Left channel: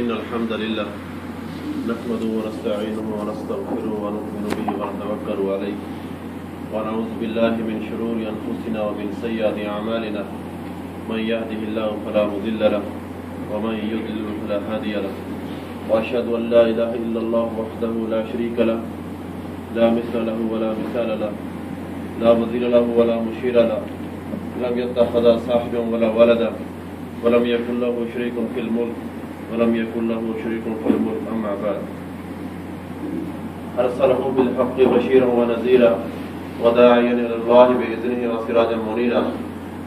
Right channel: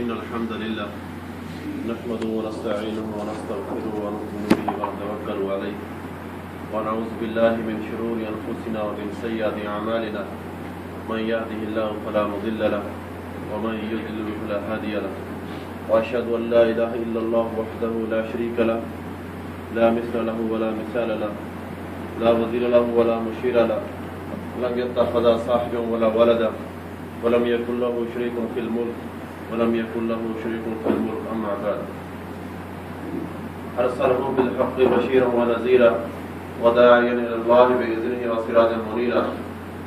इन्नल हम्दुलिल्लाह नहमदुहु व नस्तईनुहु व नस्तगफिरुहु व नु'मिनु बिही व नतवक्कलु अलैहि व नऊज़ु बिल्लाहि मिन शुरूरि अनफुसिना व मिन सय्यिआति अमालिना मन यहदिहिल्लाहु फला मुदिल्ल लहु व मन युद्लिल फला हादिय लहु व अशहदु अन ला इलाहा इल्लल्लाह वहदहु ला शरीका लहु ला मिस्ला लहु व ला मिसाल लहु ला वज़ीर लहु व ला मुशीर लहु लम यत्तखिज़ साहिबन व ला वलदा व लम यकुन लहु शरीकुन फिल मुल्क व लम यकुन लहु शरीकुन फिल मुल्क अम्मा बाद अरसलहु बिल हक़्क़ि बशीरन व नज़ीरा व दाइयन इलल्लाहि बिइज़निहि व सिराजन मुनीरा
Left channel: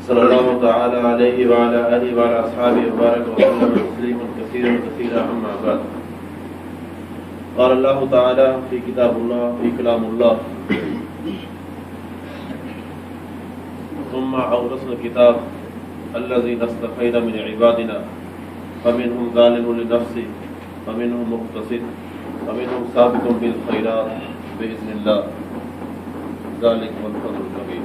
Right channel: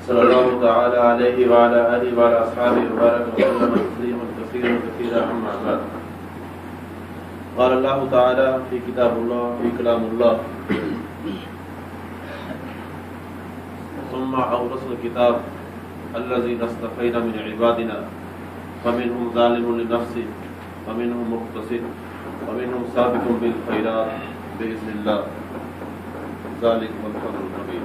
सल्लल्लाहु तआला अलैहि व अला आलिहि व अला अस्हाबिहि व बारक व सल्लम तस्लीमन कसीरन कसीरा अम्मा बाद क़ाल अल्लाहु तआला फ़ी किताबिल्लाह फ़ी कलामिल्लाह सुम्मा औरसना किताब अल्लज़ीना इस्तफ़ैना मिन इबादिना फमिनहुम ज़ालिमुन लिनफ़्सिहि वमिनहुम मुक़्तसिद वमिनहुम साबिक़ुन बिल ख़ैरात बिइज़्निल्लाह ज़ालिका हुवल फ़ज़्लुल कबीर।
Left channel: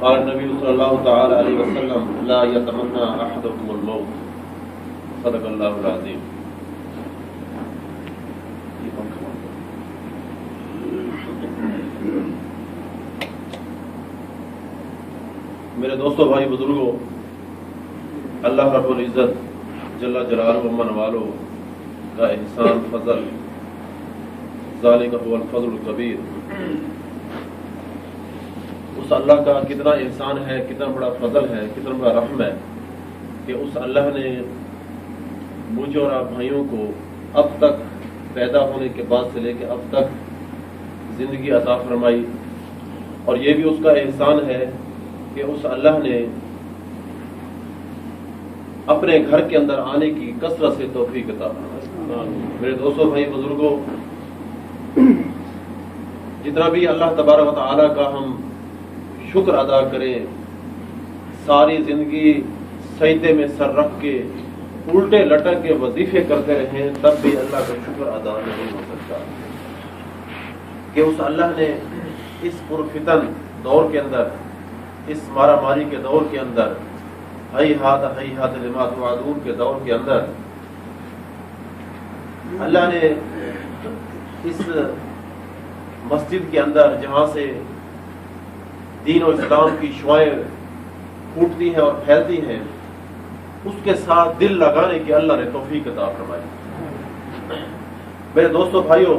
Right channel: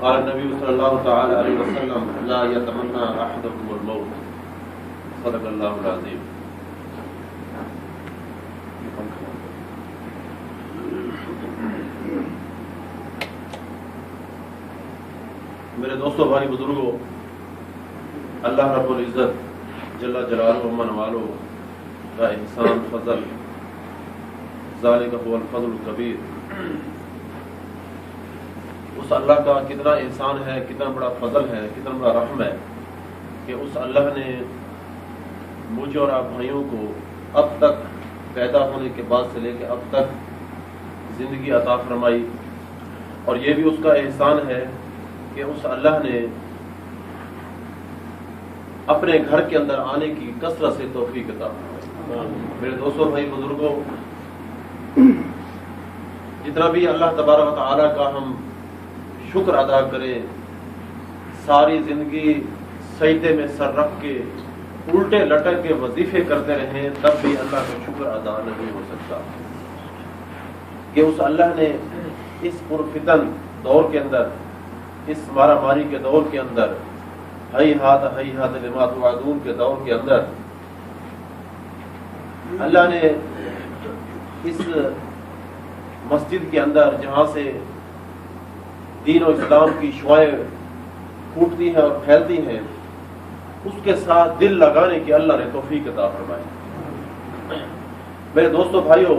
क़ाल नबी सल्लल्लाहु तआला अलैहि वसल्लम ला यतमन्ना अहदुकुमुल मौत सदक़ल्लाहुल अज़ीम। मेरे दोस्तों, भाई, बुजुर्गों, अल्लाह रब्बुल इज़्ज़त जल्ला जलालुहु व मनवालुहु का एहसान फजल ज़ालिका हुवल फ़ज़्लुल कबीर। उस अल्लाह का कितना एहसान है, कितना बड़ा फजल है, कितना बड़ा रहम है कि उस अल्लाह ने मुझे और आप भाइयों को अब तक पैदा होने के बाद से लेकर अब तक जिंदगी अता फरमाई। और ये भी उसका एहसान है कि उस अल्लाह ने अपने घर के अंदर आने की कसरत से तौफीक अता फरमाई। मेरे दोस्तों, भाई, बुजुर्गों, जितना भी अल्लाह तबारक व तआला का हम शुक्र अदा करें, सारी जिंदगी सजदे में सर रख के उल्टे लटक के वजीफे करते रहें, तब भी अल्लाह का शुक्र अदा नहीं हो सकता कि उस अल्लाह ने इस पुरफितन दौर के अंदर, इस मारामारी के दौर के अंदर, हैहात लिमा तुअदून के दौर के अंदर अल्लाह ने इस मस्जिद के अंदर, जहां से दीन और इस्लाम की शुआएं फूटती हैं और फैलती हैं, उसके साथ दिल लगाने की अल्लाह ने तौफीक अता फरमाई। मेरे दोस्तों, भाइयों,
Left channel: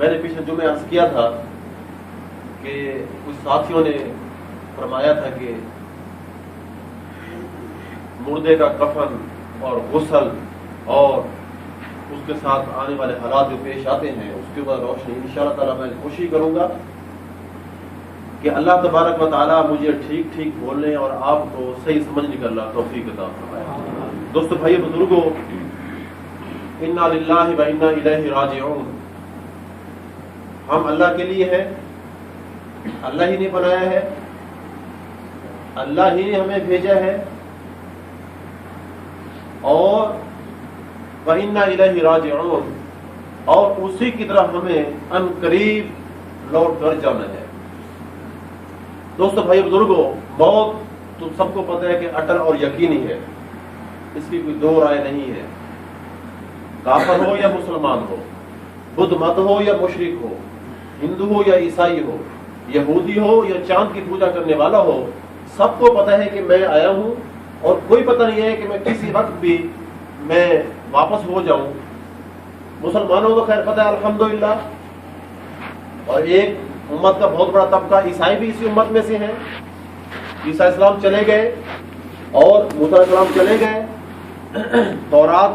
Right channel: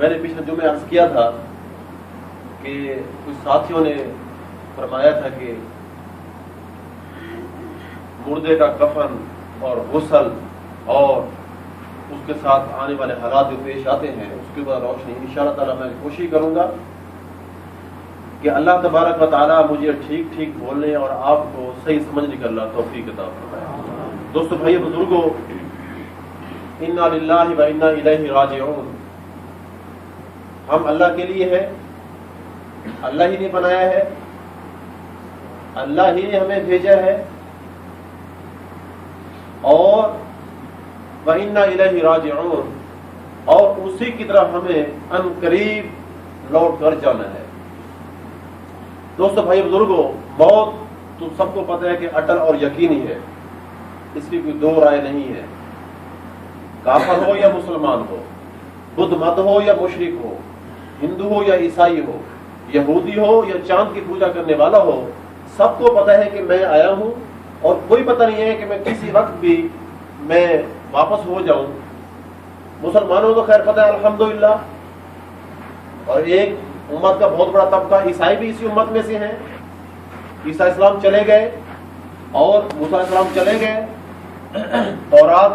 मैंने पिछले जुमे अर्ज किया था कि कुछ साथियों ने फरमाया था कि मुर्दे का कफन और गुस्ल और उसके साथ आने वाले हालात जो पेश आते हैं, उसके बाद रोशनी इंशाअल्लाह ताला मैं कोशिश करूंगा कि अल्लाह तबारक व तआला मुझे ठीक ठीक बोलने और आपको सही समझने का अल्लाह तौफीक अता फरमाए। दोस्तों, भाई, बुजुर्गों, इन्ना लिल्लाहि व इन्ना इलैहि राजिऊन। हम अल्लाह के लिए है, अल्लाह ही ने बनाया है, अल्लाह ही ने हमें भेजा है और व इन्ना इलैहि राजिऊन, और उसी की तरफ हमें अनकरीब लौट कर जाना है। दोस्तों, भाई, बुजुर्गों, मौत तो सबको पता है कि अटल और यकीनी है, इसकी कोई दो राय नहीं है। काफिर हो या मुसलमान हो, बुद्ध मत हो या मुशरिक हो, हिंदू हो या ईसाई हो, यहूदी हो या चांद की पूजा करने वाला हो, सबको पता है कि मैं आया हूं और कोई पता नहीं है कि मैं किसी वक्त भी मैं वापस हो जाऊं। मुसलमानों को खैर पता है, अल्हम्दुलिल्लाह, और एक उम्मत का बहुत बड़ा तबका ईसाई भी इसी उम्मत में से है। ईसा इस्लाम चले गए और मूसा इस्लाम चले गए, तौरात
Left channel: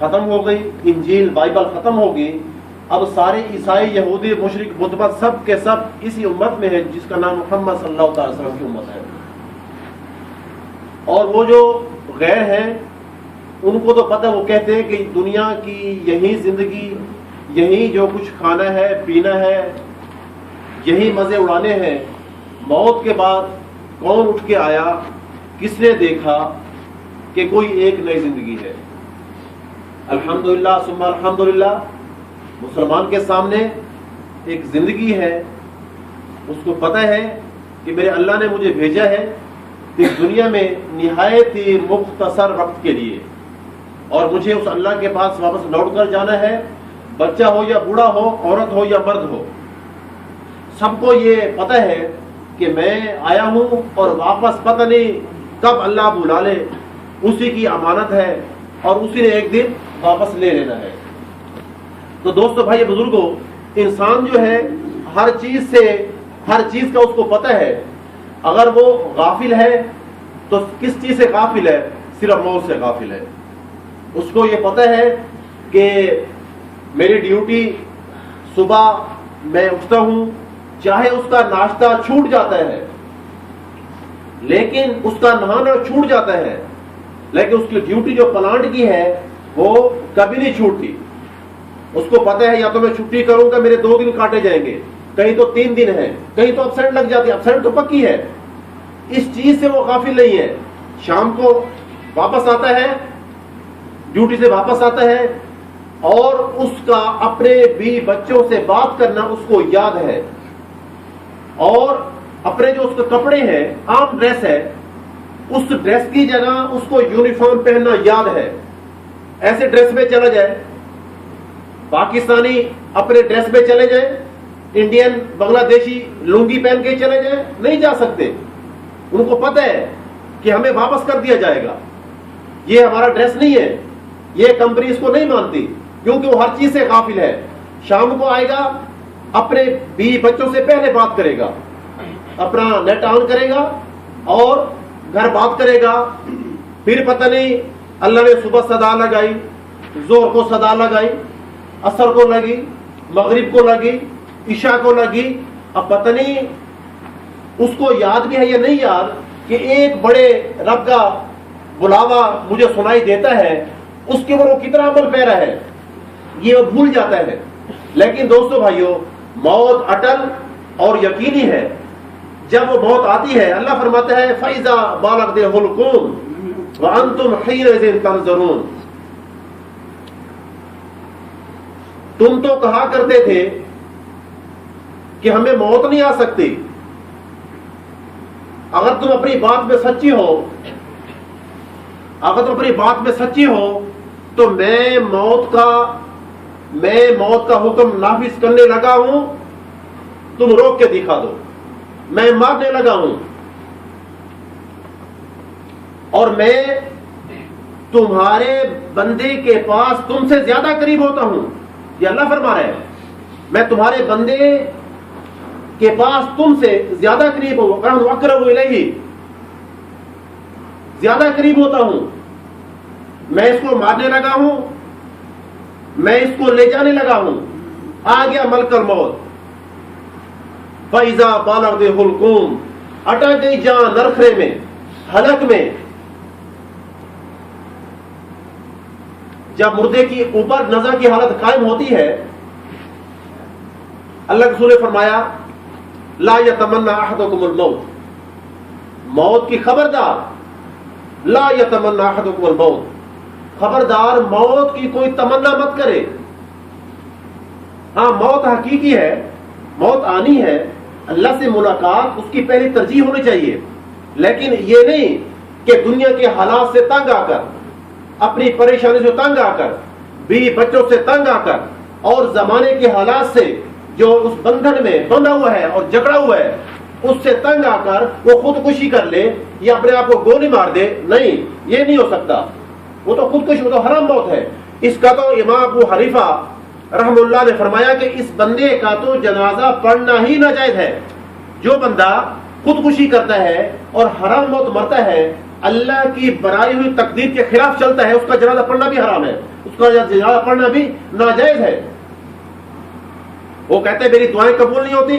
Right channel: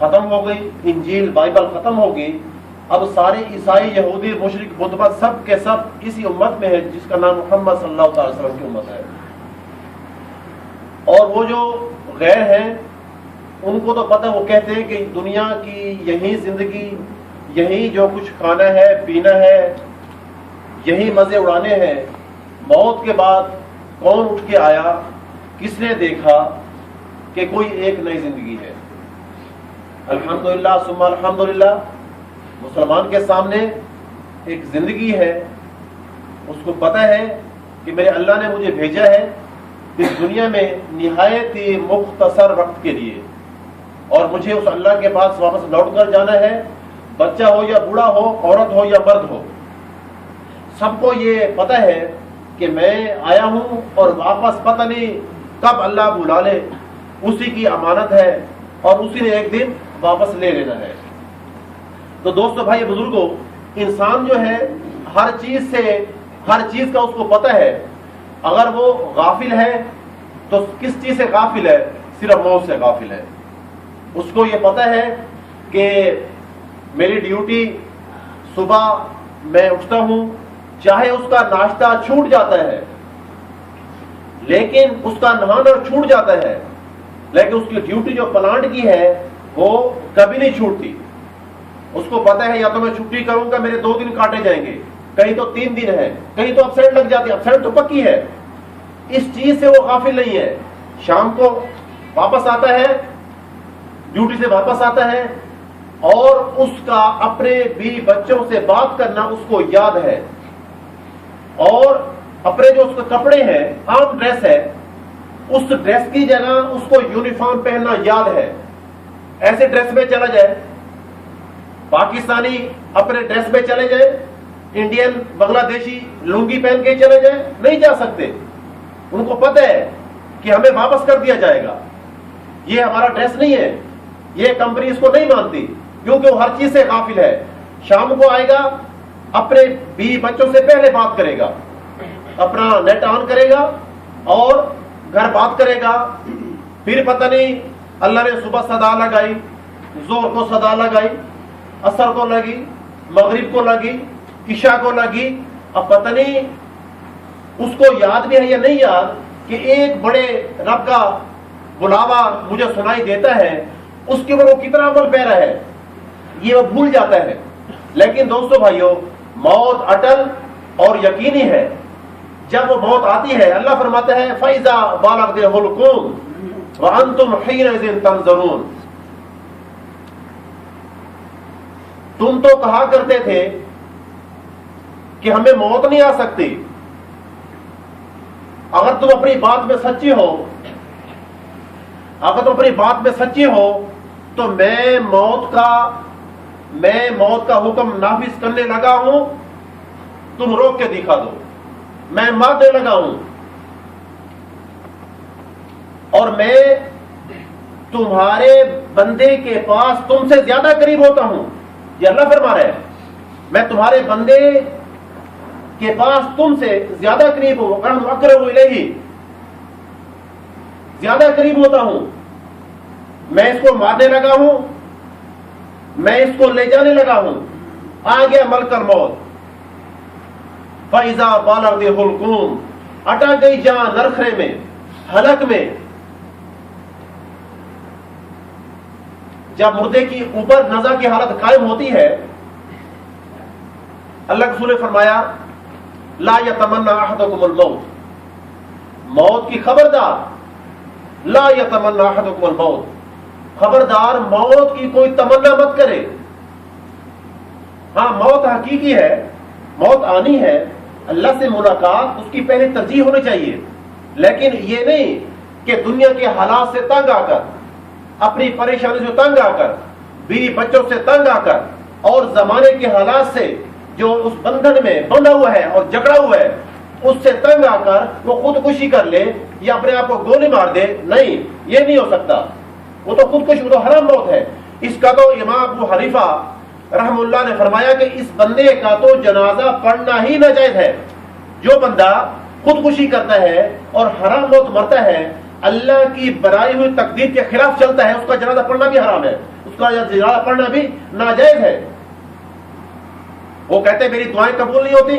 खत्म हो गई, इंजील बाइबल खत्म हो गई। अब सारे ईसाई, यहूदी, मुशरिक, बुतपरस्त सब के सब इसी उम्मत में है जिसका नाम मोहम्मद सल्लल्लाहु अलैहि वसल्लम की उम्मत है। और वो जो गैर हैं, उनको तो पता, वो कहते हैं कि दुनिया की यही जिंदगी, यही जो कुछ खाना है, पीना है, यही मजे उड़ाने हैं। मौत के बाद कौन उठ के आया, किसने देखा कि कोई एक नई जिंदगी है। अल्हम्दुलिल्लाह सुम्मा अल्हम्दुलिल्लाह, मुसलमान के सामने एक जिंदगी है, उसको पता है कि मेरे अल्लाह ने मुझे भेजा है इस दुनिया में निहायत ही मुख्तसर वक्त के लिए, और मुझे उस अल्लाह के पास वापस लौट कर जाना है। बच्चा हो या बूढ़ा हो, औरत हो या मर्द हो, सबको ये पता है कि मैं आया हूं और वापस पता नहीं कब अल्लाह बुला ले। उसी की अमानत है और उसी ने एक दिन वापस ले लेना है। तो दोस्तों, भाई, बुजुर्गों, इंसान जो है हर चीज का उसको पता है। अगर वो गाफिल है तो किस चीज से गाफिल है? सिर्फ मौत से गाफिल है। उसको ये पता है कि मेरी ड्यूटी सुबह मैं उठता हूं, चाहे उसका नाश्ता छूट जाता है, लेकिन उसका नहाना छूट जाता है, लेकिन उसकी ड्यूटी जो प्लांट की है वो कभी नहीं छूटती। उसको पता है या तो मैं छुट्टी करूंगा, मेरे 2 दिन काटे जाएंगे, कहीं तो 3 दिन है, कहीं तो अपसेंट लग जाती है। अपसेंट तो पक्की है। इस चीज से वो गाफिल नहीं है। शाम को वापस आता है, ड्यूटी से वापस आता है, और उसका अपने भी बच्चों से बात करना उसको याद है, और अपने जो उसके कपड़े हैं, आम ड्रेस है, उस ड्रेस की जगह उसको यूनिफॉर्म पहनना याद है। ऐसे ड्रेस में चला जाए, पाकिस्तानी अपने ड्रेस में चले जाए, इंडियन बांग्लादेशी लुंगी पहन के चले जाए, नहीं जा सकते। उनको पता है कि हमें वापस कर दिया जाएगा, ये हमारा ड्रेस नहीं है, ये कंपनी इसको नहीं मानती, क्योंकि वो हर चीज से गाफिल है। शाम को आएगा, अपने बीवी बच्चों से पहले बात करेगा, अपना नेट ऑन करेगा और घर बात करेगा। फिर पता नहीं अल्लाह ने सुबह सदा लगाई, जोर को सदा लगाई, असर को लगी, मगरिब को लगी, ईशा को लगी। अब पता नहीं उसको याद भी है या नहीं याद कि एक बड़े रब का बुलावा मुझे सुनाई देता है, उसके ऊपर वो कितना अमल पैरा है ये वो भूल जाता है। लेकिन दोस्तों भाइयों, मौत अटल और यकीनी है। जब वो मौत आती है, अल्लाह फरमाता है फैजा बालगहुल हुलकुम व अंतुम हीनइज़िन तंज़ुरून। तुम तो कहा करते थे कि हमें मौत नहीं आ सकती। अगर तुम अपनी बात में सच्ची हो, तो मैं मौत का हुक्म नाफिज करने लगा हूं, तुम रोक के दिखा दो। मैं मारने लगा हूं और मैं तुम्हारे बंदे के पास तुमसे ज्यादा करीब होता हूं। ये अल्लाह फरमा रहा है, मैं तुम्हारे बंदे के पास तुमसे ज्यादा करीब हूं, अक़रबु इलैहि, ज्यादा करीब होता हूं। मैं इसको मारने लगा हूं, मैं इसको ले जाने लगा हूं। आ गया मलकल मौत। फैजा बालगहुल हुलकुम, अटक गई जान नरखरे में, हलक में। जब मुर्दे की ऊपर नज़ा की हालत कायम होती है, अल्लाह के रसूल ने फरमाया ला यतमन्ना अहदुकुमुल मौत, मौत की खबरदार, ला यतमन्ना अहदुकुमुल मौत, खबरदार मौत की कोई तमन्ना मत करे। हाँ, मौत हकीकी है, मौत आनी है, अल्लाह से मुलाकात उसकी पहली तरजीह होनी चाहिए। लेकिन ये नहीं कि दुनिया के हालात से तंग आकर, अपनी परेशानी से तंग आकर, बीवी बच्चों से तंग आकर और जमाने के हालात से जो उस बंधन में बंधा हुआ है और जकड़ा हुआ है, उससे तंग आकर वो खुदकुशी कर ले या अपने आप को गोली मार दे। नहीं, ये नहीं हो सकता। वो तो खुदकुशी, वो तो हराम मौत है। इसका तो इमाम अबू हनीफा रहमतुल्लाह ने फरमाया कि इस बंदे का तो जनाजा पढ़ना ही नाजायज है। जो बंदा खुदकुशी करता है और हराम मौत मरता है, अल्लाह की बनाई हुई तकदीर के खिलाफ चलता है, उसका जनाजा पढ़ना भी हराम है, उसका जनाजा पढ़ना भी नाजायज है। वो कहते हैं मेरी दुआएं कबूल नहीं होती।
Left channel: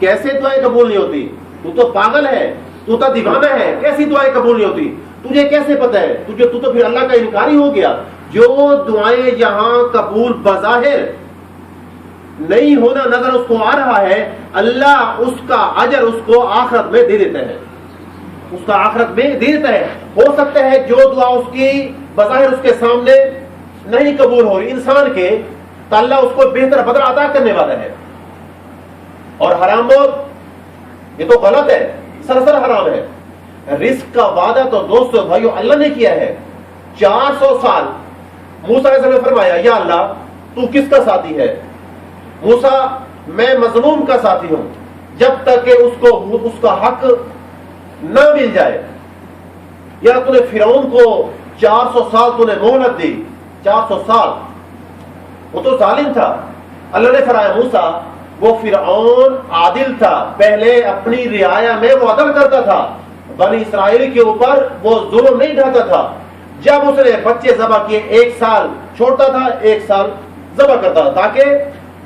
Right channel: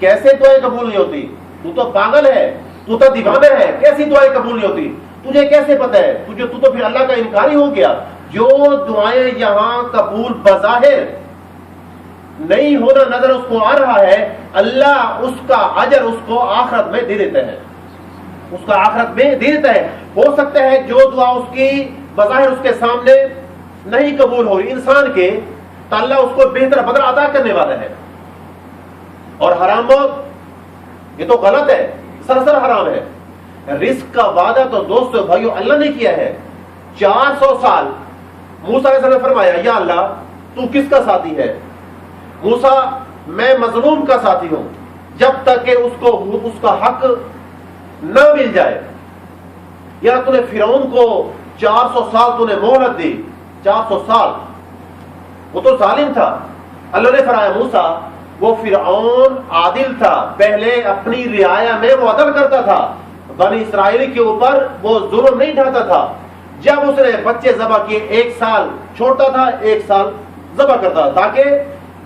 कैसे दुआएं कबूल नहीं होती? तू तो पागल है, तू तो दीवाना है, कैसी दुआएं कबूल नहीं होती? तुझे कैसे पता है? तू तो फिर अल्लाह का इनकारी हो गया। जो दुआएं यहां कबूल बज़ाहिर नहीं होना नजर उसको आ रहा है, अल्लाह उसका अजर उसको आखिरत में दे देता है, उसका आखिरत में दे देता है। हो सकता है जो दुआ उसकी बज़ाहिर उसके सामने नहीं कबूल हो इंसान के, तो अल्लाह उसको बेहतर बदला अदा करने वाला है। और हराम मौत ये तो गलत है। सरासर हराम है। रिस्क का वादा तो दोस्तों भाइयों अल्लाह ने किया है। 400 साल मूसा ने फरमाया, या अल्लाह तू किसका साथी है? मूसा, मैं मजलूम का साथी हूं, जब तक कि उसको उसका हक न मिल जाए। या तूने फिरौन को 400 साल तूने मोहलत दी, 400 साल, वो तो जालिम था। अल्लाह ने फरमाया, मूसा वो फिरौन आदिल था, पहले अपनी रियाया में वो अदल करता था, बनी इस्राएल के ऊपर वो जुल्म नहीं ढाता था। जब उसने बच्चे ज़बह किए, 1 साल छोड़ता था, 1 साल ज़बह करता था, ताकि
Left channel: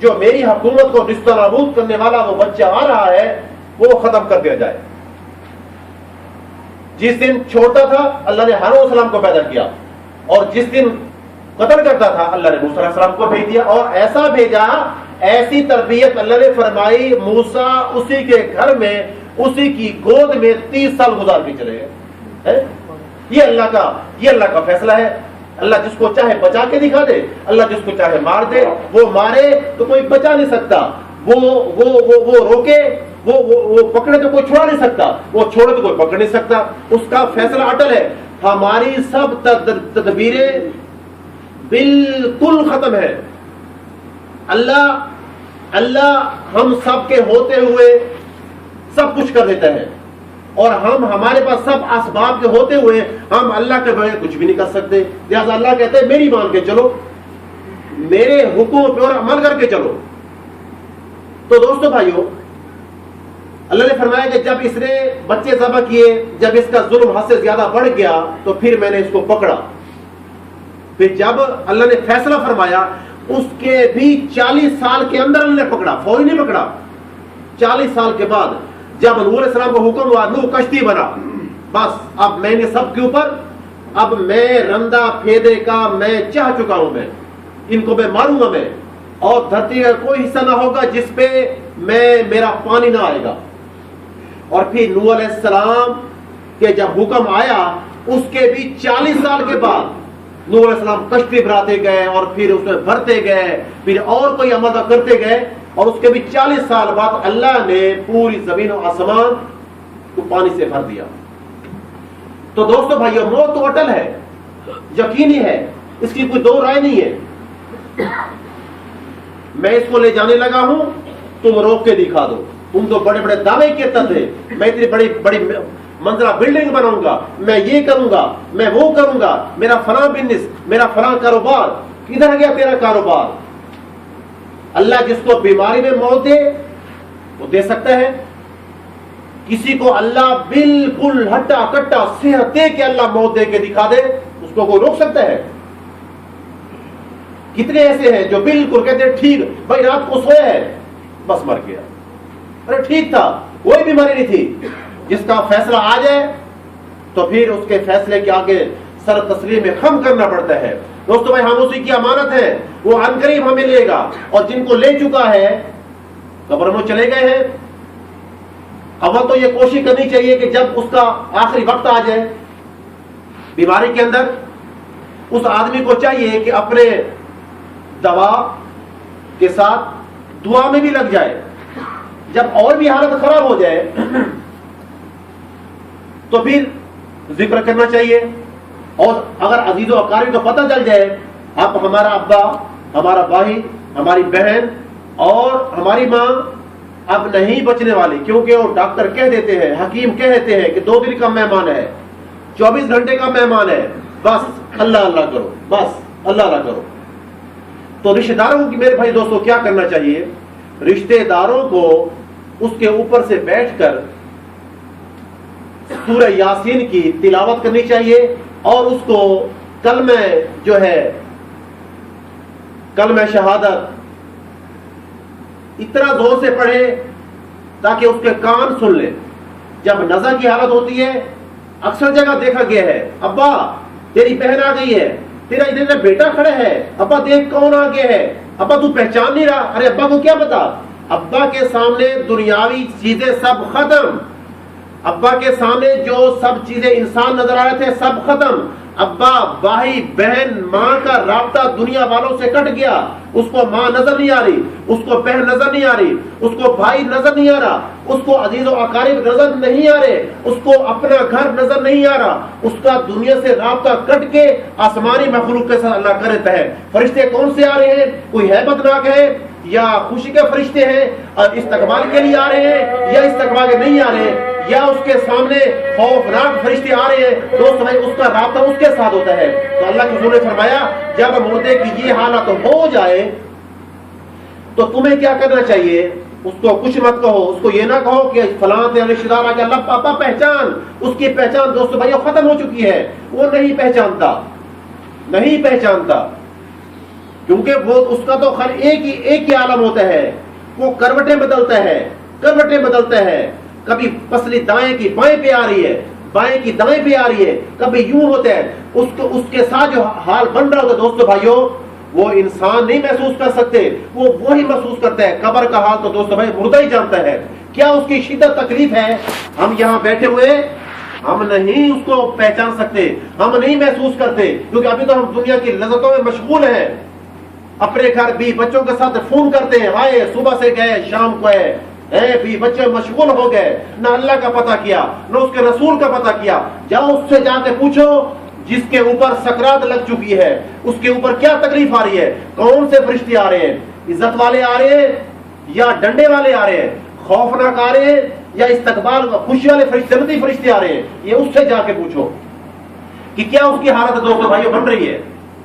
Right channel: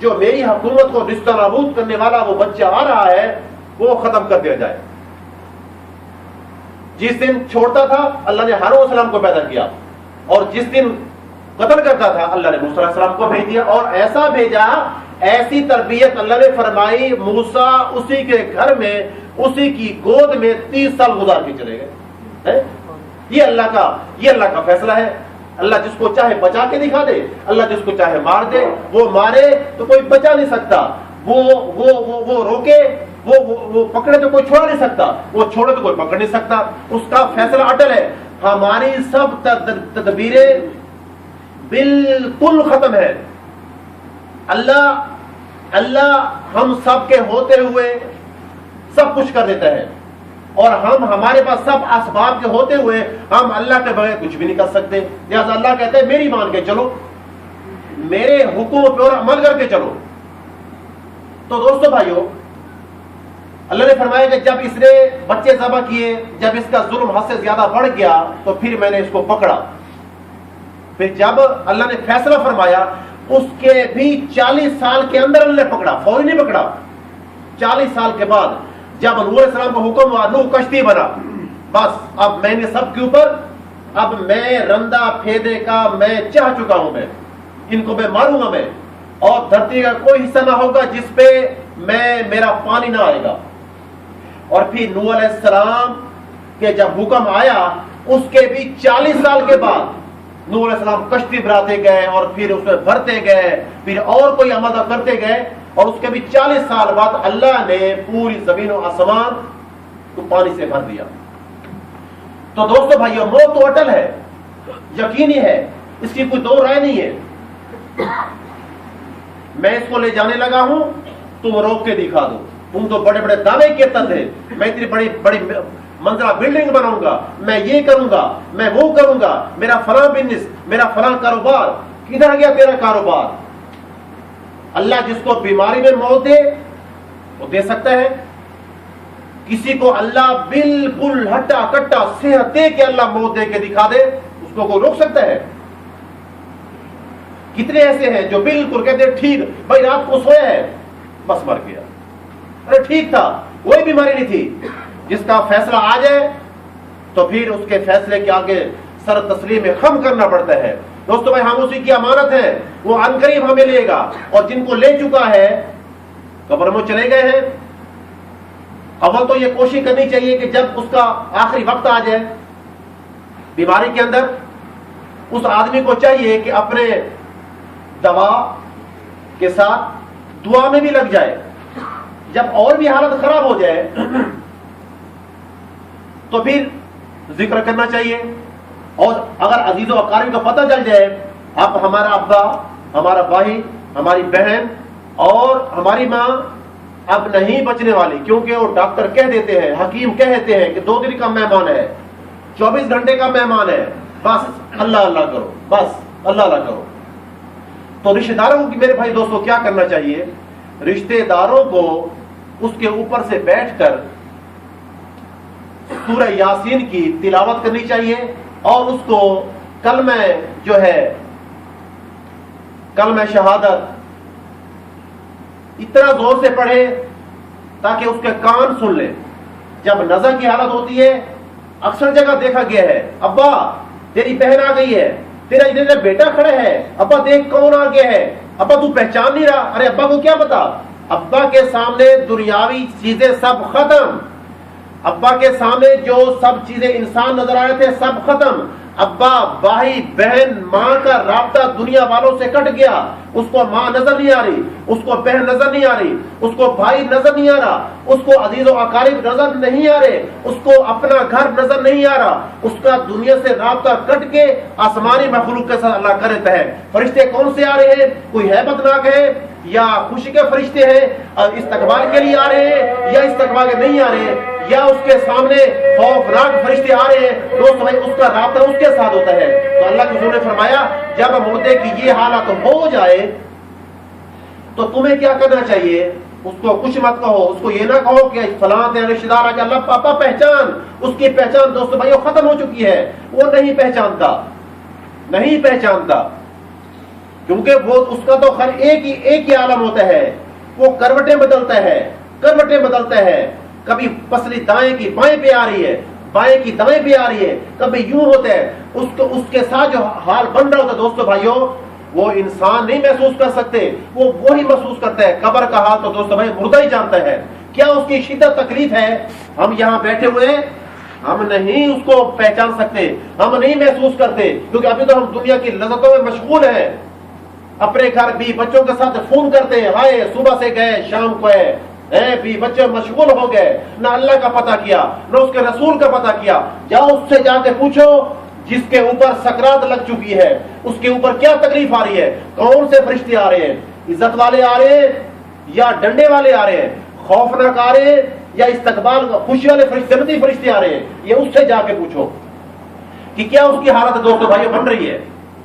जो मेरी हुकूमत को निस्तनाबूद करने वाला वो बच्चा आ रहा है वो खत्म कर दिया जाए। जिस दिन छोड़ता था अल्लाह ने हारून अलैहिस्सलाम को पैदा किया, और जिस दिन कत्ल करता था अल्लाह ने मूसा अलैहिस्सलाम को भेज दिया। और ऐसा भेजा, ऐसी तरबियत अल्लाह ने फरमाई, मूसा उसी के घर में, उसी की गोद में 30 साल गुजार के चले गए। ये अल्लाह का फैसला है। अल्लाह जिसको चाहे बचा के दिखा दे, अल्लाह जिसको चाहे मार दे। वो मारे तो कोई बचा नहीं सकता, वो रोके, वो पकड़े तो कोई छोड़ा नहीं सकता, वो छोड़े तो कोई पकड़ नहीं सकता। उसका फैसला अटल है। हमारी सब तदबीरें बिल्कुल खत्म है। अल्लाह हम सब के होते हुए सब कुछ कर देता है, और हमारे पास सब असबाब के होते हुए हम अल्लाह के बगैर कुछ भी नहीं कर सकते। लिहाजा अल्लाह कहते हैं मेरी मान के चलो, मेरे हुक्म पर अमल करके चलो। तो दोस्तों भाइयों, अल्लाह ने फरमाया कि जब इसने बच्चे ज़बह किए, जब इसका जुल्म हद से ज्यादा बढ़ गया तो फिर मैंने इसको पकड़ा। फिर जब अल्लाह ने फैसला फरमाया, उसके भी 40 साल के अंदर अल्लाह ने पकड़ा, फौरी नहीं पकड़ा। 40 साल के बाद जब नूह अलैहिस्सलाम को हुक्म हुआ, नूह कश्ती बना, बस अब मैंने सबके ऊपर, अब मैं रंदा फेदे का मैं चाह चुका हूं, मैं इनको मैं मारूंगा मैं, और धरती का कोई हिस्सा ना होगा जिसपे मेरा पानी ना आएगा। और फिर नूह अलैहिस्सलाम के जब हुक्म आया, उसके भी 40 साल के बाद नूह अलैहिस्सलाम कश्ती बनाते गए, और फिर उसमें भरते गए, फिर और कोई अमल करते गए, और उसके भी 40 साल बाद अल्लाह ने पूरी जमीन और आसमान को पानी से भर दिया। तो दोस्तों भाइयों, मौत तो अटल है, यकीनी है, इसकी कोई दो राय नहीं है। मैं इसको ले जाने लगा हूं, तुम रोक के दिखा दो। तुम तो बड़े बड़े दावे करते थे, मैं इतनी बड़ी बड़ी मंजिला बिल्डिंग बनाऊंगा, मैं ये करूंगा, मैं वो करूंगा, मेरा फलां बिजनेस, मेरा फलां कारोबार। किधर गया तेरा कारोबार? अल्लाह जिसको बीमारी में मौत दे वो दे सकता है। किसी को अल्लाह बिल्कुल हट्टा कट्टा सेहत दे के अल्लाह मौत दे के दिखा दे, उसको कोई रोक सकता है? कितने ऐसे हैं जो बिल्कुल कहते हैं ठीक भाई, रात को सोया है बस मर गया, अरे ठीक था, कोई बीमारी नहीं थी। जिसका फैसला आ जाए तो फिर उसके फैसले के आगे सर तस्लीम में खम करना पड़ता है। दोस्तों भाई, हम उसी की अमानत है, वो अनकरीब हमें लेगा, और जिनको ले चुका है कब्र में चले गए हैं। अव्वल तो ये कोशिश करनी चाहिए कि जब उसका आखिरी वक्त आ जाए बीमारी के अंदर, उस आदमी को चाहिए कि अपने दवा के साथ दुआ में भी लग जाए। जब और भी हालत खराब हो जाए तो फिर जिक्र करना चाहिए। और अगर अजीजों अकारीब को पता चल जाए अब हमारा अब्बा, हमारा भाई, हमारी बहन और हमारी माँ अब नहीं बचने वाली, क्योंकि वो डॉक्टर कह देते हैं, हकीम कह देते हैं कि 2 दिन का मेहमान है, 24 घंटे का मेहमान है, बस अल्लाह अल्लाह करो, बस अल्लाह अल्लाह करो। तो रिश्तेदारों की, मेरे भाई दोस्तों, क्या करना चाहिए? रिश्तेदारों को उसके ऊपर से बैठकर सूरह यासीन की तिलावत करनी चाहिए, और उसको कलमे जो है, कलमे शहादत इतना जोर से पढ़े ताकि उसके कान सुन ले। जब नजर की हालत होती है, अक्सर जगह देखा गया है, अब्बा तेरी बहन आ गई है, तेरा इधर बेटा खड़े है, अब्बा देख कौन आ गया है, अब्बा तू पहचान नहीं रहा, अरे अब्बा को क्या पता। अब्बा के सामने दुनियावी चीजें सब खत्म, अब्बा के सामने जो सब चीजें इंसान नजर आ रहे थे सब खत्म। अब्बा, भाई, बहन, माँ का राब्ता दुनिया वालों से कट गया। उसको माँ नजर नहीं आ रही, उसको बहन नजर नहीं आ रही, उसको भाई नजर नहीं आ रहा, उसको अजीजों अकारिब नजर नहीं आ रहे, उसको अपना घर नजर नहीं आ रहा। उसका दुनिया से राब्ता कट के आसमानी मखलूक के साथ अल्लाह करता है। फरिश्ते कौन से आ रहे हैं? कोई हैबतनाक है या खुशी के फरिश्ते हैं और इस्तकबाल के लिए आ रहे हैं या इस्तकबाल के नहीं आ रहे हैं, या उसके सामने खौफनाक फरिश्ते आ रहे हैं। दोस्त भाई, उसका राब्ता उसके साथ होता है। तो अल्लाह के रसूल ने फरमाया, जब मुर्दे की ये हालत हो जाए तो तुम्हें क्या करना चाहिए? उसको कुछ मत कहो, उसको ये ना कहो कि फलां तेरा रिश्तेदार आ गया, अल्लाह पापा पहचान। उसकी पहचान दोस्त भाई खत्म हो चुकी है, वो नहीं पहचानता, नहीं पहचानता, क्योंकि वो उसका तो खैर एक ही आलम होता है। वो करवटें बदलता है, करवटें बदलता है। कभी पसली दाएं की बाएं पे आ रही है, बाएं की दाएं पे आ रही है, कभी यूं होता है। उसके साथ जो हाल बन रहा होता है दोस्तों भाइयों, वो इंसान नहीं महसूस कर सकते, वो वही महसूस करता है। कब्र का हाल तो दोस्तों भाई मुर्दा ही जानता है क्या उसकी शिद्दत तकलीफ है। हम यहाँ बैठे हुए हम नहीं उसको पहचान सकते, हम नहीं महसूस करते, क्योंकि अभी तो हम दुनिया की लज़्ज़तों में मशगूल हैं। अपने घर भी बच्चों के साथ फोन करते हैं, हाय सुबह से गए शाम को है, भी बच्चे मशगूल हो गए, ना अल्लाह का पता किया ना उसके रसूल का पता किया। जाओ उससे जाके पूछो जिसके ऊपर सकरात लग चुकी है, उसके ऊपर क्या तकलीफ आ रही है, कौन से फरिश्ते आ रहे हैं, इज्जत वाले आ रहे हैं या डंडे वाले आ रहे हैं, खौफनाक आ रहे हैं या इस्तकबाल खुशी वाले जन्नती फरिश्ते आ रहे हैं। ये उससे जाके पूछो कि क्या उसकी हालत दोस्तों भाइयों बन रही है।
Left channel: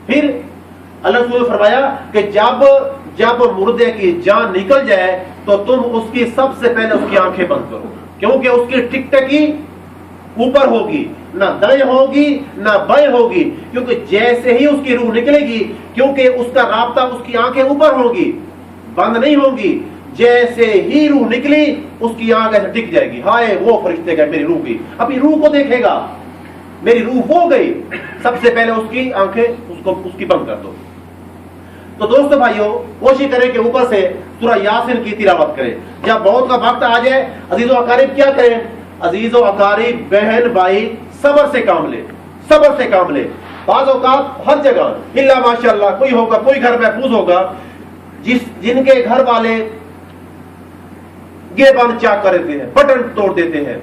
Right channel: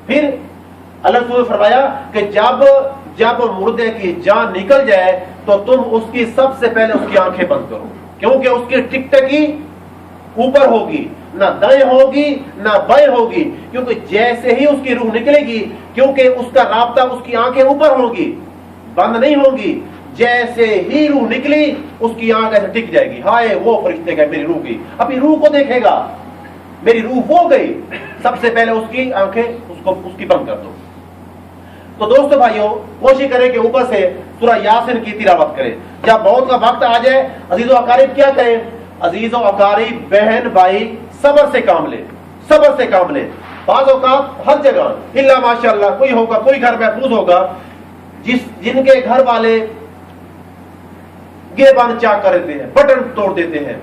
फिर अल्लाह ने फरमाया कि जब मुर्दे की जान निकल जाए तो तुम उसकी सबसे पहले उसकी आंखें बंद करो, क्योंकि उसकी टिकटकी ऊपर होगी, ना दाएं होगी ना बाएं होगी, क्योंकि जैसे ही उसकी रूह निकलेगी, क्योंकि उसका राब्ता उसकी आंखें ऊपर होगी, बंद नहीं होगी, जैसे ही रूह निकली उसकी आंख ऐसे टिक जाएगी। हाय वो फरिश्ते गए मेरी रूह की, अपनी रूह को देखेगा, मेरी रूह हो गई, सबसे पहले उसकी आंखें उसकी बंद कर दो। तो दोस्तों भाइयों, कोशिश करें कि ऊपर से सूरह यासीन की तिलावत करें। जब मौत का वक्त आ जाए, अजीजों अकारिब क्या करें? अजीजों अकारिब, बहन भाई, सब्र से काम ले, सब्र से काम ले। बाज़ औक़ात हर जगह इल्ला माशाअल्लाह कोई होगा, कोई घर महफूज होगा जिनके घर वाले गेबान चाक कर देते हैं, बटन तोड़ देते हैं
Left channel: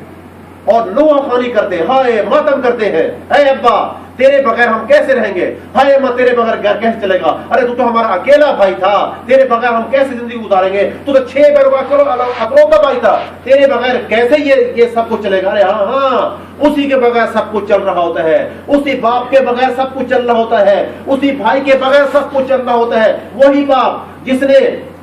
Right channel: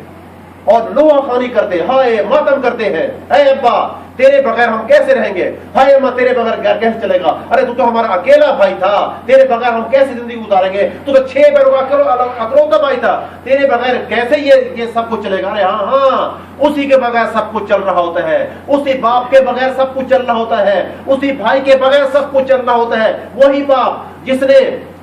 और नोआ खानी करते हैं, हाय मातम करते हैं, ऐ अब्बा तेरे बगैर हम कैसे रहेंगे, हाय अम्मा तेरे बगैर घर कैसे चलेगा, अरे तू तो हमारा अकेला भाई था, तेरे बगैर हम कैसे जिंदगी गुजारेंगे, तू तो 6 बहनों का अकलौता भाई था, तेरे बगैर कैसे ये सब कुछ चलेगा। अरे हाँ, उसी के बगैर सब कुछ चल रहा होता है, उसी बाप के बगैर सब कुछ चल रहा होता है, उसी भाई के बगैर सब कुछ चल रहा होता है। वही बाप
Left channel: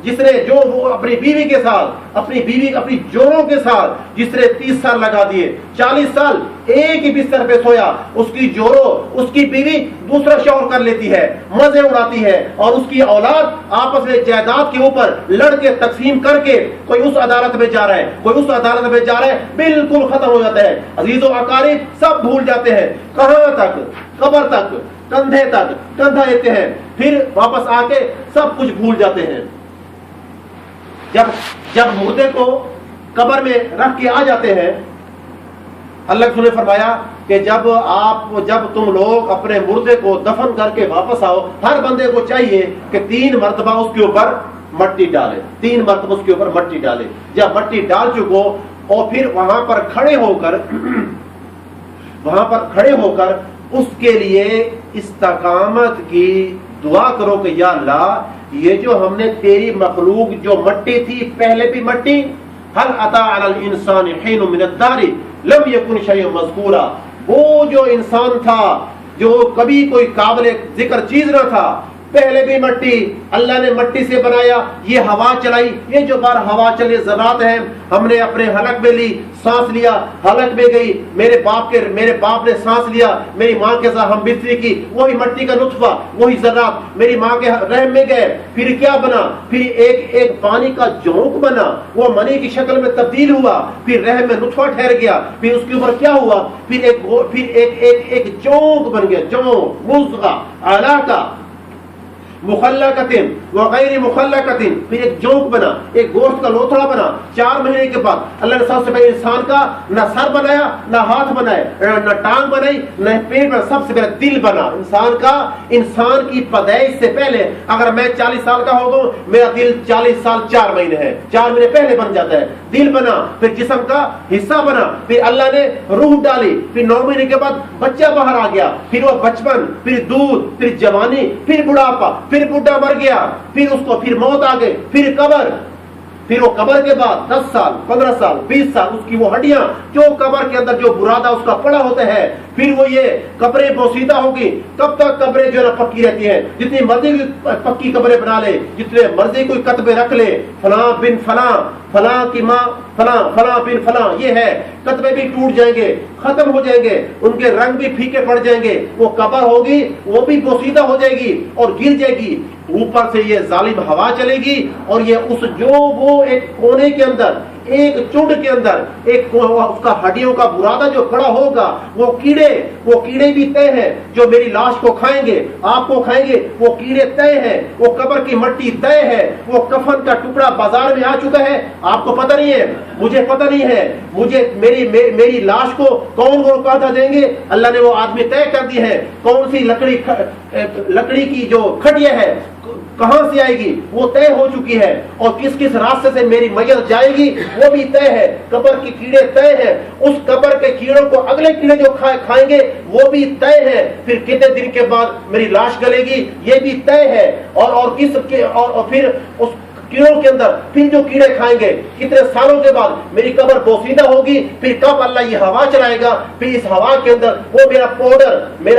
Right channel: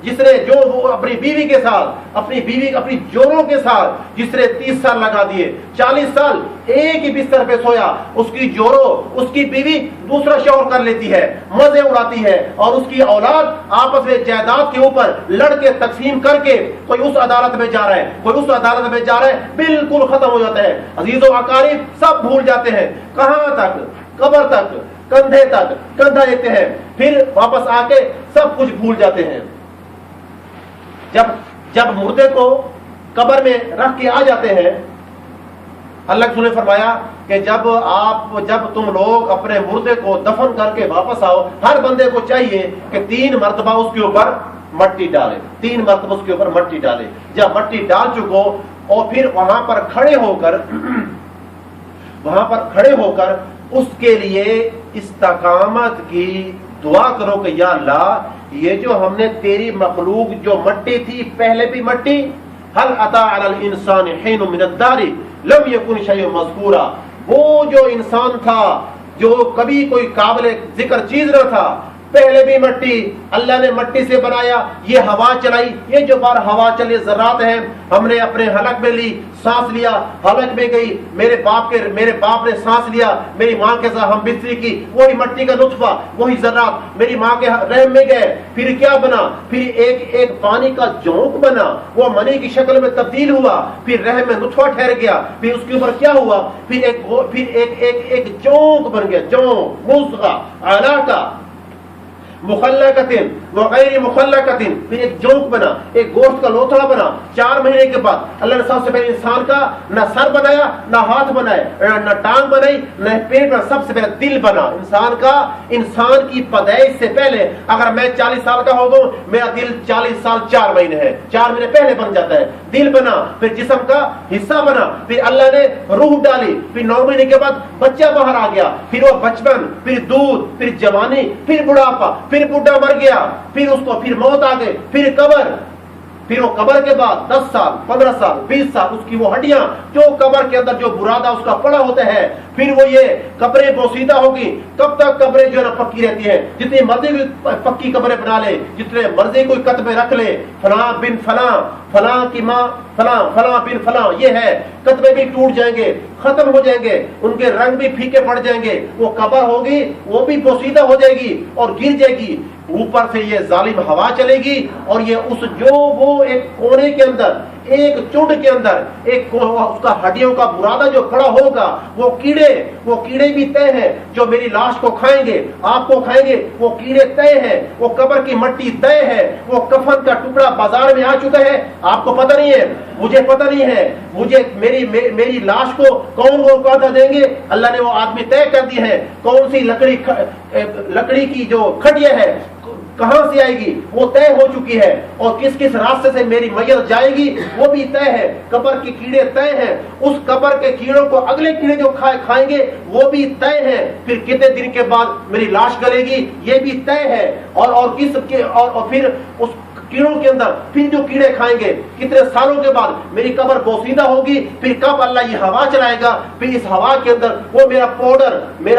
जिसने जो वो अपनी बीवी के साथ, अपनी जोरों के साथ जिसने 30 साल लगा दिए, 40 साल एक ही बिस्तर पे सोया, उसकी जोरों, उसकी बीवी दूसरा शौहर कर लेती है, मजे उड़ाती है, और उसकी औलाद आपस में जायदाद के ऊपर लड़के तकसीम करके कोई उस अदालत में जा रहा है, कोई उस अदालत में जा रहा है, बिल्कुल खत्म हो जाता है। अजीजों अकारिब सब भूल जाते हैं, कहां तक, कब्र तक, कंधे तक कंधा देते हैं, फिर वापस आके सब कुछ भूल जाते हैं। जब मुर्दे को कब्र में रख के आ जाते हैं, अल्लाह ने फरमाया कि जब तुम लोग अपने मुर्दे को दफन करके वापस आओ, हर बंदे को चाहिए कि 3 मरतबा उसके ऊपर मट्टी डाले, 3 मरतबा उसके ऊपर मट्टी डाले। जब मट्टी डाल चुको और फिर वहां पर खड़े होकर उसके लिए इस्तकामत की दुआ करो कि या अल्लाह, ये जो हमने तेरी मखलूक जो मट्टी थी, पहले भी मट्टी, हल अता अलल इंसान हिन मिन अद्दारी लम यकुन शैअन मज़कूरा, वो जो इंसान था जो कभी कोई काबिल जिक्र चीज न था, पहले भी मट्टी, अल्लाह ने मट्टी से बनाया, ये हवा चलाई, ये जो बार हवा चली ज़रात है, हमने अपने हलक में ली, सांस लिया, हलक में गई, मेरे बाप ने सांस लिया, मेरी माँ के साथ हम बिस्तरी की, वही मट्टी का नुत्फा, वही ज़रात मेरी माँ के रहम में गए, फिर क्या बना, फिर एक पानी का जोंक बना, वो मनी की शक्ल में तब्दील हुआ, फिर रहम में नुत्फा ठहर गया, फिर उसके ऊपर क्या हुआ, फिर एक जोंक बन गया, जोंक, मुज़गा, आला का, मुखल्लकतिन व गैर मुखल्लकतिन, फिर एक जोंक बना, एक गोश्त का लोथड़ा बना। 4 महीने के बाद अल्लाह ने सबसे पहले इंसान का न सर बनाया, न हाथ बनाए, न टांग बनाई, न पेट बना, सबसे पहले दिल बना इंसान का। इंसान की पैदाइश से पहले अगर मैं 40 साल का हो गया, मेरा दिल 40 साल 4 महीने है, 4 महीने पहले बन जाता है। दिल बना, फिर जिस्म का हिस्सा बना, फिर अल्लाह ने रूह डाली, फिर 9 महीने के बाद बच्चा बाहर आ गया, फिर वो बचपन, फिर दूध, फिर जवानी, फिर बुढ़ापा, फिर बुढ़ा मर गया, फिर उसको फिर मौत आ गई, फिर कब्र, फिर वो कब्र के बाद 10 साल 15 साल 20 साल उसकी वो हड्डियां जो कब्र के अंदर जो बुरादा उसका पड़ा होता है, फिर वो ये कब्रें बोसीदा होगी। कब तक कब्रें जो है पक्की रहती है, जितनी मर्जी पक्की कब्रें बना ले, जितने मर्जी कोई कतबे रख ले, फलां बिन फलां, फलां की माँ फलां, फलां बिन फलां, ये है, कतबे भी टूट जाएंगे, खत्म हो जाएंगे, उनके रंग भी फीके पड़ जाएंगे, वो कब्र होगी वो भी बोसीदा हो जाएगी और गिर जाएगी। ऊपर से ये जालिम हवा चलेगी और ये उस जो वो एक कोने के अंदर, एक चुंड के अंदर एक उसका हड्डियों का बुरादा जो खड़ा होगा, वो कीड़े भी तय है जो मेरी लाश को खाएंगे, आपको खाएंगे, वो कीड़े तय है, वो कब्र की मट्टी तय है, वो कफन का टुकड़ा बाजार में आ चुका है, आपको पता नहीं है, मुझे पता नहीं है, मुझे मेरी लाश को कौन वो कहता देंगे, अल्लाह ने वो आदमी तय कर दी है। कौन सी लकड़ी की जो खटिया है कहां से आएगी वो तय हो चुकी है, और किस किस रास्ते से मेरी मैयत जाएगी वो भी तय है। कब्र के कीड़े तय हैं, उस कब्र के कीड़ों को अगले कीड़े जो खाएंगे वो भी तय है। फिर कितने दिन के बाद मेरी लाश गलेगी ये भी तय है, और फिर उस कीड़ों के अंदर फिर जो कीड़े खाएंगे कितने सालों के बाद मेरी कब्र बोसीदा होगी। फिर कब अल्लाह ये हवा चलाएगा, फिर इस हवा के अंदर वो मेरा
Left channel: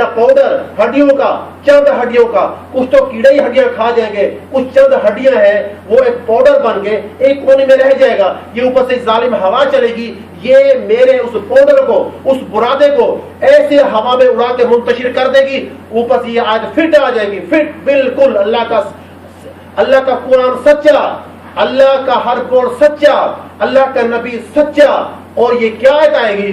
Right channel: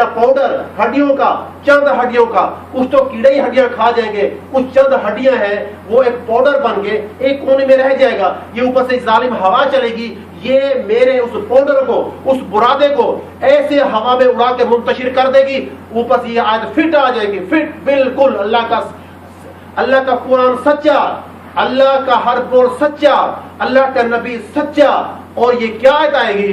पाउडर हड्डियों का, चंद हड्डियों का, कुछ तो कीड़े ही हड्डियां खा जाएंगे, कुछ चंद हड्डियां हैं वो एक पाउडर बन के एक कोने में रह जाएगा। ये ऊपर से जालिम हवा चलेगी, ये मेरे उस पाउडर को, उस बुरादे को ऐसे हवा में उड़ा के मुंतशिर कर देगी। ऊपर से ये आज फिट आ जाएगी, फिट बिल्कुल अल्लाह का कुरान सच्चा, अल्लाह का हर बोल सच्चा, अल्लाह का नबी सच्चा। और ये क्या आएगी,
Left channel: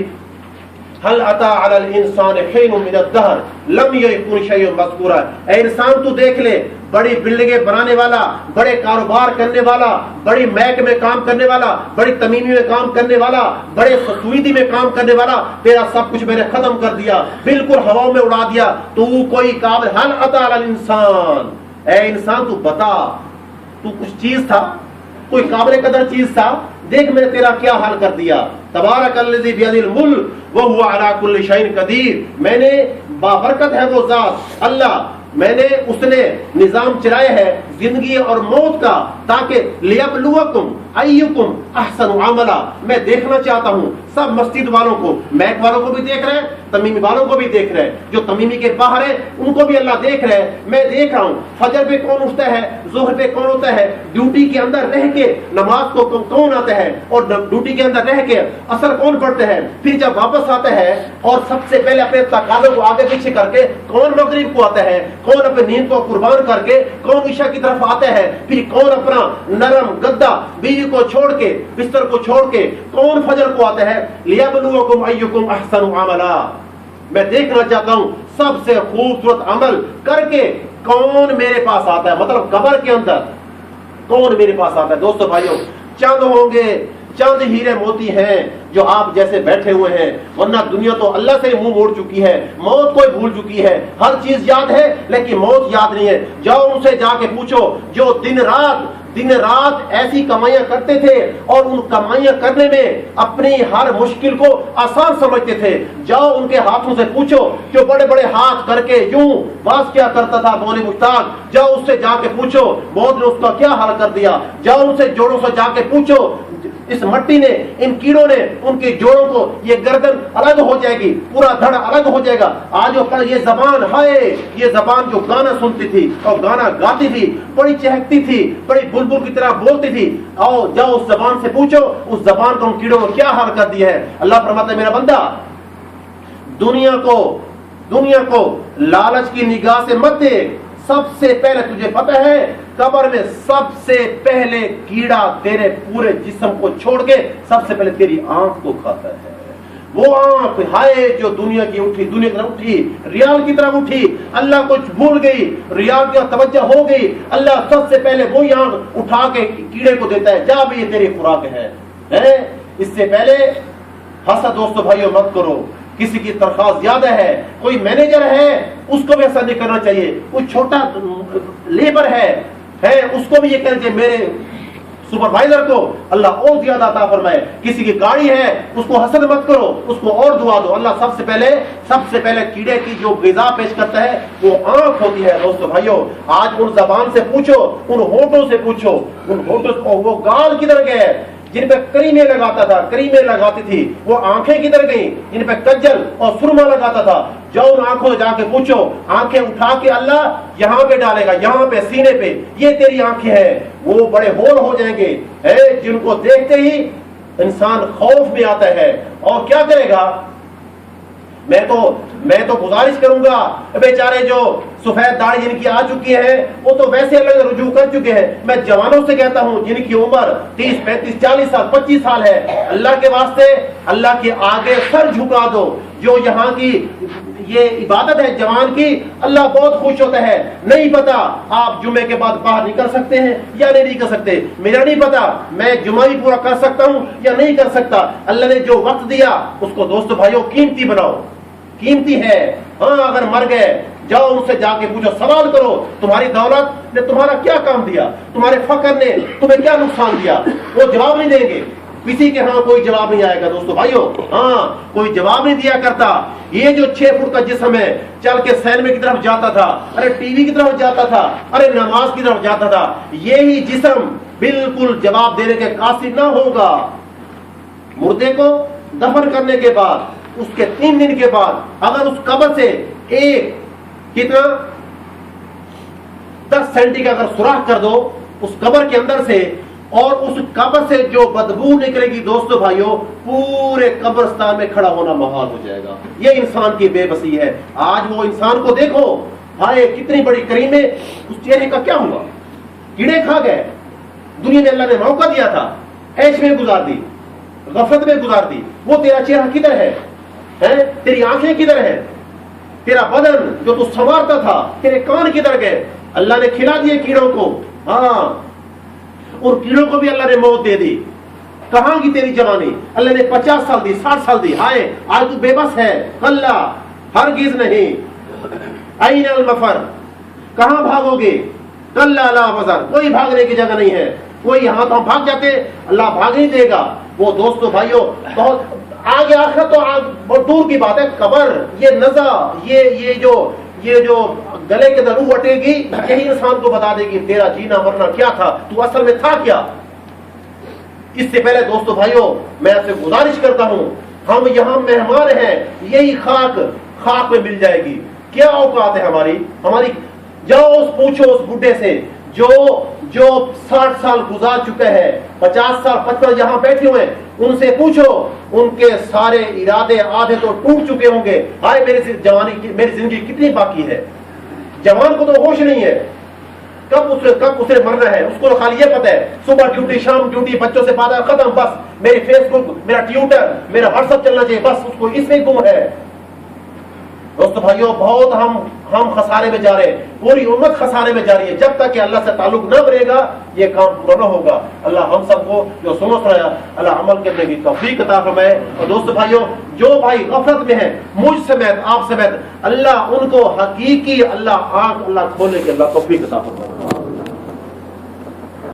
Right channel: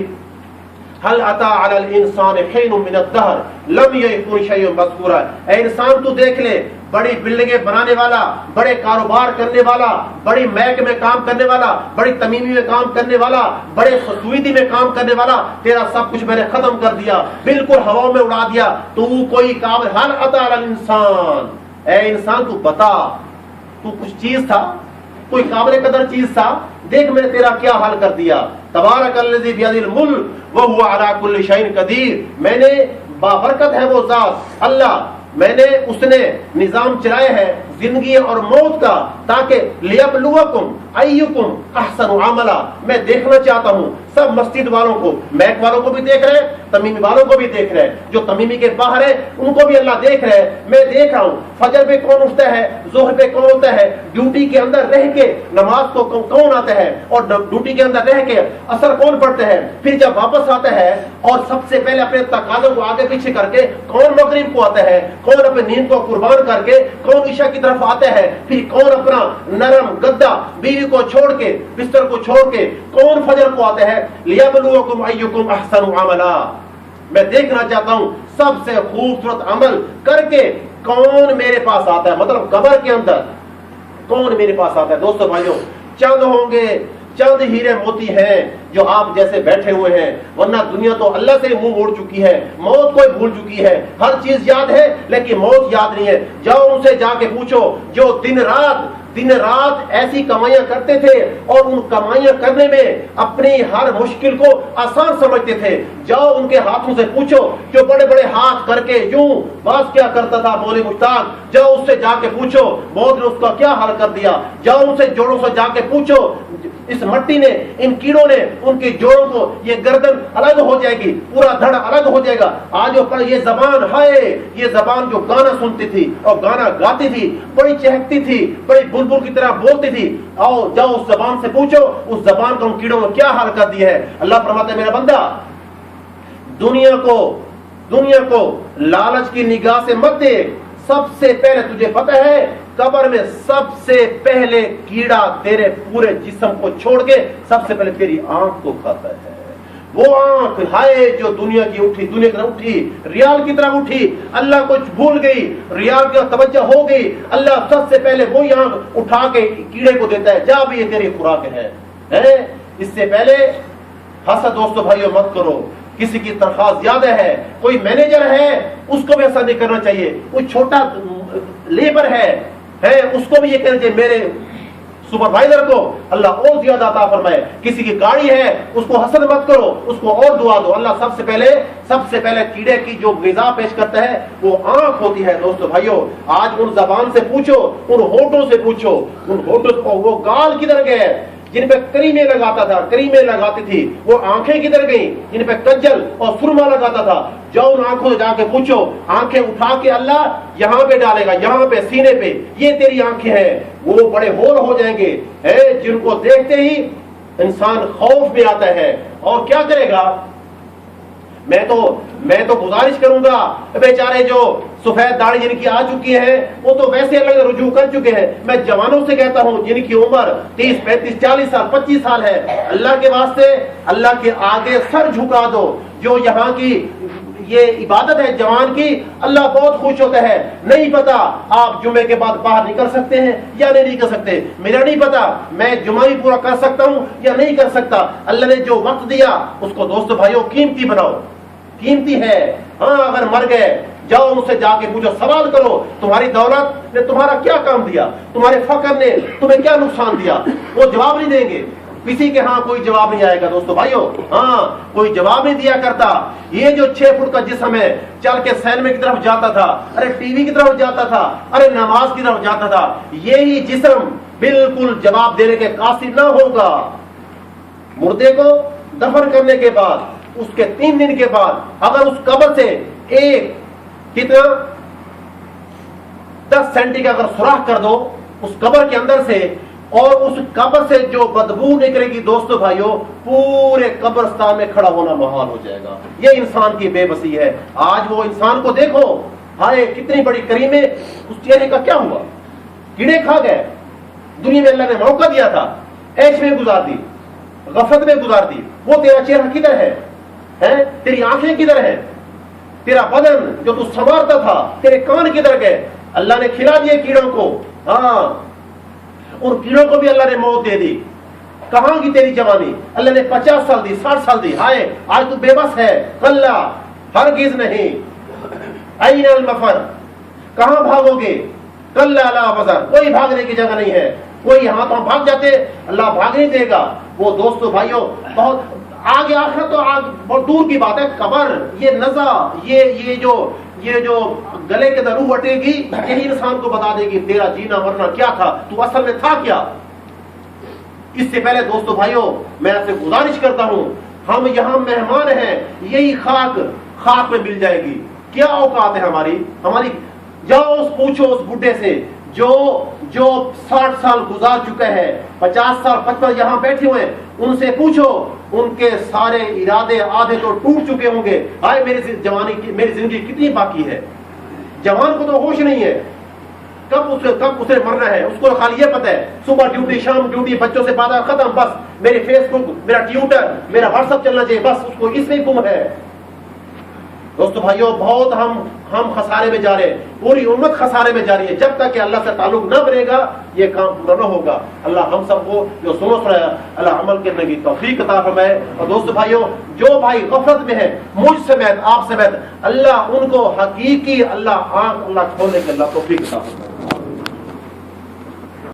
हल अता अलल इंसान हिन मिन अद-दहर लम यकुन शैअन मज़कूरा। ऐ इंसान तू देख ले, बड़ी बिल्डिंगें बनाने वाला, बड़े कारोबार करने वाला, बड़ी महक में काम करने वाला, बड़ी तमीमी में काम करने वाला, बड़े सुईदी में काम करने वाला, तेरा सब कुछ मैंने खत्म कर दिया, बिल्कुल हवाओं में उड़ा दिया। तू कोई काबिल, हल अता अलल इंसान, ऐ इंसान तू बता, तू कुछ चीज था, कोई काबिल कदर चीज था, देख मैंने तेरा क्या हाल कर दिया। तबारकल्लज़ी बियदिल मुल्क व हुवा अला कुल्लि शैइन कदीर। मैंने बाबरकत है वो जात अल्लाह, मैंने उसने निजाम चलाया है जिंदगी और मौत का, ताकि लियब्लुवकुम अय्युकुम अहसनु अमला। मैं देखना चाहता हूँ सब मस्जिद वालों को, मैक वालों को भी देख रहे हैं, तमीमी वालों को भी देख रहे हैं, जो तमीमी के बाहर है उनको भी अल्लाह देख रहे हैं। मैं देख रहा हूँ फजर पे कौन उठता है, जोहर पे कौन होता है, ड्यूटी के अंदर रह के नमाज को कौन आता है, और ड्यूटी के अंदर रह के असर कौन पढ़ता है, फिर जब वापस आता है और सबसे पहले अपने तकाज़ों को आगे पीछे करके कौन मगरिब को आता है, कौन अपनी नींद को कुर्बान करके कौन ईशा की तरफ आता है, फिर कौन अपना नरम गद्दा बीवी को छोड़ के, बिस्तर को छोड़ के कौन फजर को आता है। लियब्लुवकुम अय्युकुम अहसनु अमला। मैं देखना चाहता हूं सबसे खूबसूरत अमल करके कौन मेरे पास आता है, मतलब कब्र के अंदर कौन मेरे पास आता है। दोस्तों भाइयों, चंद होंगे, चंद हीरे मोती हैं जो आप जैसे बैठे हुए हैं, वरना दुनिया तो अल्लाह से मुंह मोड़ चुकी है, मौत को भूल चुकी है। हर चीज याद है लेकिन मौत याद नहीं है। जाओ उनसे जाके पूछो जो दिन रात ऐसी कमाइयां करते थे और उन कमाइयां करने में अपनी हर मुश्किल को आसान समझते थे। जाओ उनके हाथों से पूछो जो बड़े बड़े हाथ करके यूं बस क्या करता था बोले मुश्ताक, जाओ उससे जाके पूछो मौत ने उसका क्या हाल कर दिया। जाओ उनसे जोड़ों से जाके पूछो, इस मट्टी ने, इन कीड़ों ने उनके जोड़ों को, ये गर्दन अलग हो जाएगी, पूरा धड़ अलग हो जाएगा। आज और कल ये जबान है, ये जबान जो गाना सुनती थी और गाना गाती थी, बड़ी चहकती थी, बड़ी बुलबुल की तरह बोलती थी, आओ जाओ उस जबान से पूछो उस जबान को उन कीड़ों को क्या हाल कर दिया है। अल्लाह फरमाता है मेरा बंदा, दुनिया को लालच की निगाह से मत देख। सबसे पहले तुझे पता है कब्र में सबसे पहले कीड़ा तेरे पूरे जिस्म को छोड़ के सबसे पहले तेरी आंख को खाता है। वो आंख हाय जो दुनिया की उठी, दुनिया की तरफ उठी, रियाल की तरफ उठी, अल्लाह को भूल गई, रियाल की तवज्जो हो गई, अल्लाह सबसे पहले वही आंख उठा के कीड़े को देता है, जा भी ये तेरी खुराक है? इससे पहले हंसा दोस्तों भाइयों मत करो। किसी की तनख्वाह ज्यादा है, कोई मैनेजर है, उसको भी ऐसा नहीं करना चाहिए। कोई छोटा लेबर है उसको भी ये कहना चाहिए मेरे सुपरवाइजर को अल्लाह और ज्यादा अता फरमाए। किसी की गाड़ी है उसको हसद मत करो, उसको और दुआ दो। अल्लाह सबसे पहले कीड़े की जो ग़िज़ा पेश करता है वो आंख होती है। दोस्तों भाइयों, आज उन ज़बान से पूछो, उन होठों से पूछो, उन होठों को वो गाल किधर गए जिन पे करीमें लगाता था, करीमें लगाती थी, वो आंखें किधर गई जिन पे कज्जल और सुरमा लगाता था? जाओ उन आंखों से जाके पूछो, आंखें उठा के अल्लाह यहाँ पे डालेगा, यहाँ पे सीने पे, ये तेरी आंखें हैं। वो बड़े होल हो जाएंगे जिनको देखते ही इंसान खौफ में आता है और क्या करेगा। मैं तो गुजारिश करूंगा, बेचारे जो सफेद दाढ़ी जिनकी आ चुकी है वो तो वैसे अलग रुजू कर चुके हैं। मैं जवानों से कहता हूं जिनकी उम्र 30, 35, 40 साल, 25 साल है, अल्लाह के वास्ते अल्लाह के आगे सर झुका दो। जो यहाँ की ये इबादत है जवान की, अल्लाह बहुत खुश होता है। नहीं पता आप जुम्मे के बाद बाहर निकल सकते हैं या नहीं निकल सकते, मेरा नहीं पता मैं जुम्मा भी पूरा कर सकता हूँ या नहीं कर सकता। अल्लाह ने जो वक्त दिया उसको दोस्तों भाइयों कीमती बनाओ, कीमती है। हाँ, अगर मर गए जाओ उनसे जाके पूछो, सवाल करो, तुम्हारी दौलत ने तुम्हारा क्या काम दिया, तुम्हारे फकर ने तुम्हें क्या नुकसान दिया? वो जवाब नहीं देंगे, किसी के हाँ कोई जवाब नहीं आएगा। दोस्तों भाइयों, हाँ कोई जवाब नहीं दिया करता। ये जो 6 फुट का जिस्म है, चल के सैलमे की तरफ जाता था, अरे टीवी की तरफ जाता था, अरे नमाज की तरफ जाता था, यही जिस्म बिल्कुल जवाब देने के कासिर ना होगा। मुर्दे को दफन करने के बाद उसके 3 दिन के बाद अगर उस कब्र से एक कितना 10 सेंटी का अगर सुराख कर दो उस कब्र के अंदर से, और उस कब्र से जो बदबू निकलेगी दोस्तों भाइयों, पूरे कब्रिस्तान में खड़ा होना मुहाल हो जाएगा। ये इंसान की बेबसी है। आज वो इंसान को देखो, हाय कितनी बड़ी करीमें, उस चेहरे का क्या हुआ? कीड़े खा गए। दुनिया में अल्लाह ने मौका दिया था, ऐश में गुजार दी, गफलत में गुजार दी। वो तेरा चेहरा किधर है? तेरी आंखें किधर है? तेरा बदन जो तू संवारता था, तेरे कान किधर गए? अल्लाह ने खिला दिए कीड़ों को। हाँ, और कीड़ों को भी अल्लाह ने मौत दे दी। कहां की तेरी जवानी? अल्लाह ने 50 साल दी, 60 साल दी। हाय आज तू बेबस है। कल्ला हरगिज नहीं। अय्नल मफर, कहां भागोगे? कल्ला ला वज़र, कोई भागने की जगह नहीं है। कोई हाथ हम भाग जाते, अल्लाह भाग नहीं देगा। वो दोस्तों भाइयों बहुत आगे, आखिर तो बहुत दूर की बात है। कब्र, ये नज़ा, ये जो गले के अंदर रूह अटेगी, यही इंसान को बता देगी तेरा जीना मरना क्या था, तू असल में था क्या। इससे पहले दोस्तों भाइयों मैं आपसे गुजारिश करता हूं, हम यहाँ मेहमान हैं, यही खाक में मिल जाएगी। क्या औकात है हमारी? जाओ पूछो उस बुढ़े से जो 60 साल गुजार चुके हैं, 50 साल 55 यहाँ बैठे हुए, उनसे पूछो, उनके सारे इरादे आधे तो टूट चुके होंगे। हाय मेरी जिंदगी कितनी बाकी है। जवान को तो होश नहीं है कब उसे मरना है। उसको खाली ये पता है सुबह ड्यूटी, शाम ड्यूटी, बच्चों से बात खत्म, बस मेरी फेसबुक, मेरा ट्विटर, मेरा व्हाट्सएप चलना चाहिए, बस उसको इसमें गुम है। दोस्तों भाइयों बहुत हम खसारे में जा रहे हैं, पूरी उम्मत खसारे में जा रही है। जब तक कि अल्लाह से ताल्लुक न बनेगा ये काम पूरा न होगा। अल्लाह हम सबको जो सुनाया अल्लाह अमल करने की तौफीक अता फरमाए। और दोस्तों भाइयों जो भाई गफलत में है, मुझ समेत आप समेत, अल्लाह उनको हकीकी अल्लाह खोलने की अल्लाह तौफीक अता फरमाए।